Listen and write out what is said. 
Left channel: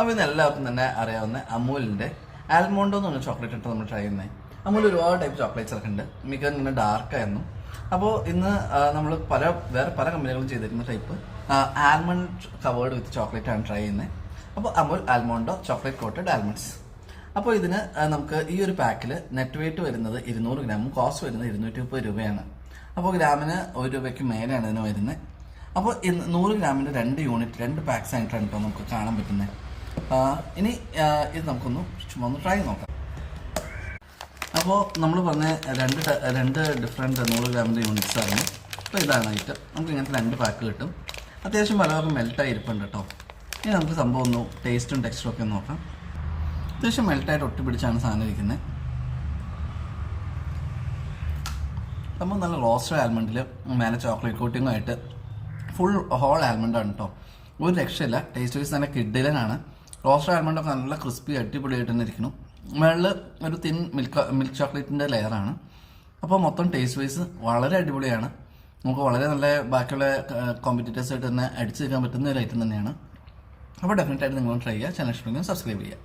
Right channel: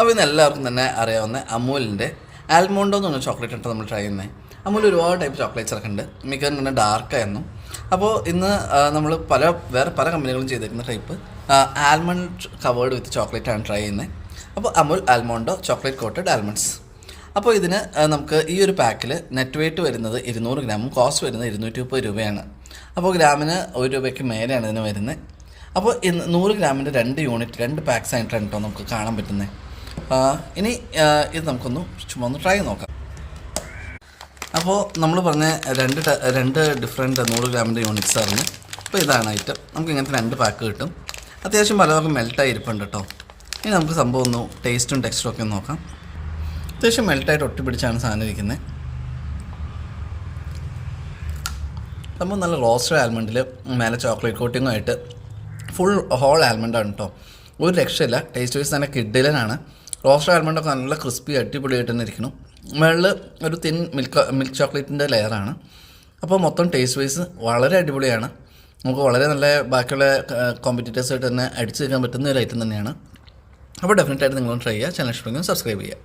അപ്പോൾ ഇന്ന് എല്ലാവർക്കും തന്നെ അറിയാവുന്ന അമൂലിൻ്റെ ആൽമോണ്ടോ എന്ന് പറഞ്ഞ ചോക്ലേറ്റ് ആണ് നമ്മൾ ട്രൈ ചെയ്യുന്നത്. അമൂൽ ഒരുപാട് ടൈപ്പ് ചോക്ലേറ്റ്സ് ഒക്കെ ഉണ്ട്, മിക്കതും തന്നെ ഡാർക്കായിരുന്നു. അപ്പോൾ ഇന്ന് നമ്മൾ വേറെ പല കമ്പനികളും ചെയ്തിരിക്കുന്ന type almond covered with chocolate ആണ് ട്രൈ ചെയ്യുന്നത്. അപ്പോൾ അമൂൽ ആൽമോണ്ടോ ചോക്ലേറ്റ് കോട്ടഡ് ആൽമണ്ട്സ്. അപ്പോൾ ഇതിന് നമുക്ക് ഈ ഒരു പാക്കിൽ നെറ്റ് വെയിറ്റ് വരുന്നത് 200 ഗ്രാമും കോസ്റ്റ് വരുന്നത് 230 രൂപയാണ്. അപ്പോൾ ഗ്രാമിന് 1 രൂപയ്ക്ക് മേലെയാണ് ഇതിന് വരുന്നത്. അപ്പോൾ 100 ഗ്രാമിൻ്റെ 2 യൂണിറ്റ് 2 പാക്സ് ആയിട്ടാണ് കേട്ടോ നമുക്ക് കാണാൻ പറ്റുന്നത്. ഇനി ഇത് നമുക്കൊന്ന് ചുമ്മാ ഒന്ന് ട്രൈ നോക്കാം. അപ്പോൾ നമ്മൾ പറഞ്ഞ രണ്ട് ഡിഫറെൻറ്റ് 100 ഗ്രാമിൻ്റെ യൂണിറ്റ്സ് ആയിരുന്നു. അപ്പോൾ ഇതാണ് ഐറ്റം. നമുക്ക് ഇങ്ങനത്തെ 2 പാക്ക് കിട്ടും. അത്യാവശ്യം പലതൊക്കെ മെൽട്ടായി ഇരിപ്പുണ്ട് കേട്ടോ. ഇനി നമുക്ക് സംഭവം ഒന്ന് ടേസ്റ്റും ടെക്സ്റ്റും ഒക്കെ നോക്കാം. അത്യാവശ്യം മെൽട്ടായിട്ട് ഒട്ടിപ്പിടിച്ചാണ് സാധനം ഇരിക്കുന്നത്. സംഭവം നല്ല റോസ്റ്റഡ് ആൽമണ്ടിൽ മേലെ ചോക്ലേറ്റ് കോട്ടിങ്ങുമായിട്ട് ഫുൾ ഹോൾ ആൽമണ്ടാണ് കേട്ടോ. ഒരു രക്ഷയില്ല. ടേസ്റ്റ് വൈസ് തന്നെ കിഡിലനാണ്. റോസ്റ്റഡ് ആൽമണ്ടൊക്കെ നല്ല ക്രിസ്പി അടിപൊളിയായിട്ട് തന്നെ ഇരിക്കണം. മുകളിൽ ഒരു തിൻ മിൽക്ക് ചോക്ലേറ്റിൻ്റെ ലെയറാണ്. അപ്പോൾ മൊത്തം ടേസ്റ്റ് വൈസ് വളരെ അടിപൊളിയാണ്. നമുക്ക് വളരെ നല്ല ബാക്കിയുള്ള കോമ്പറ്റീറ്റേഴ്സായിട്ട് തന്നെ അടിച്ചു നിൽക്കാൻ പറ്റുന്ന ഒരു ഐറ്റം തന്നെയാണ്. അപ്പോൾ ഡെഫിനറ്റായിട്ട് നിങ്ങളൊന്ന് ട്രൈ ചെയ്യുക. ചാനൽ ഇഷ്ടമെങ്കിൽ സബ്സ്ക്രൈബ് ചെയ്യുക.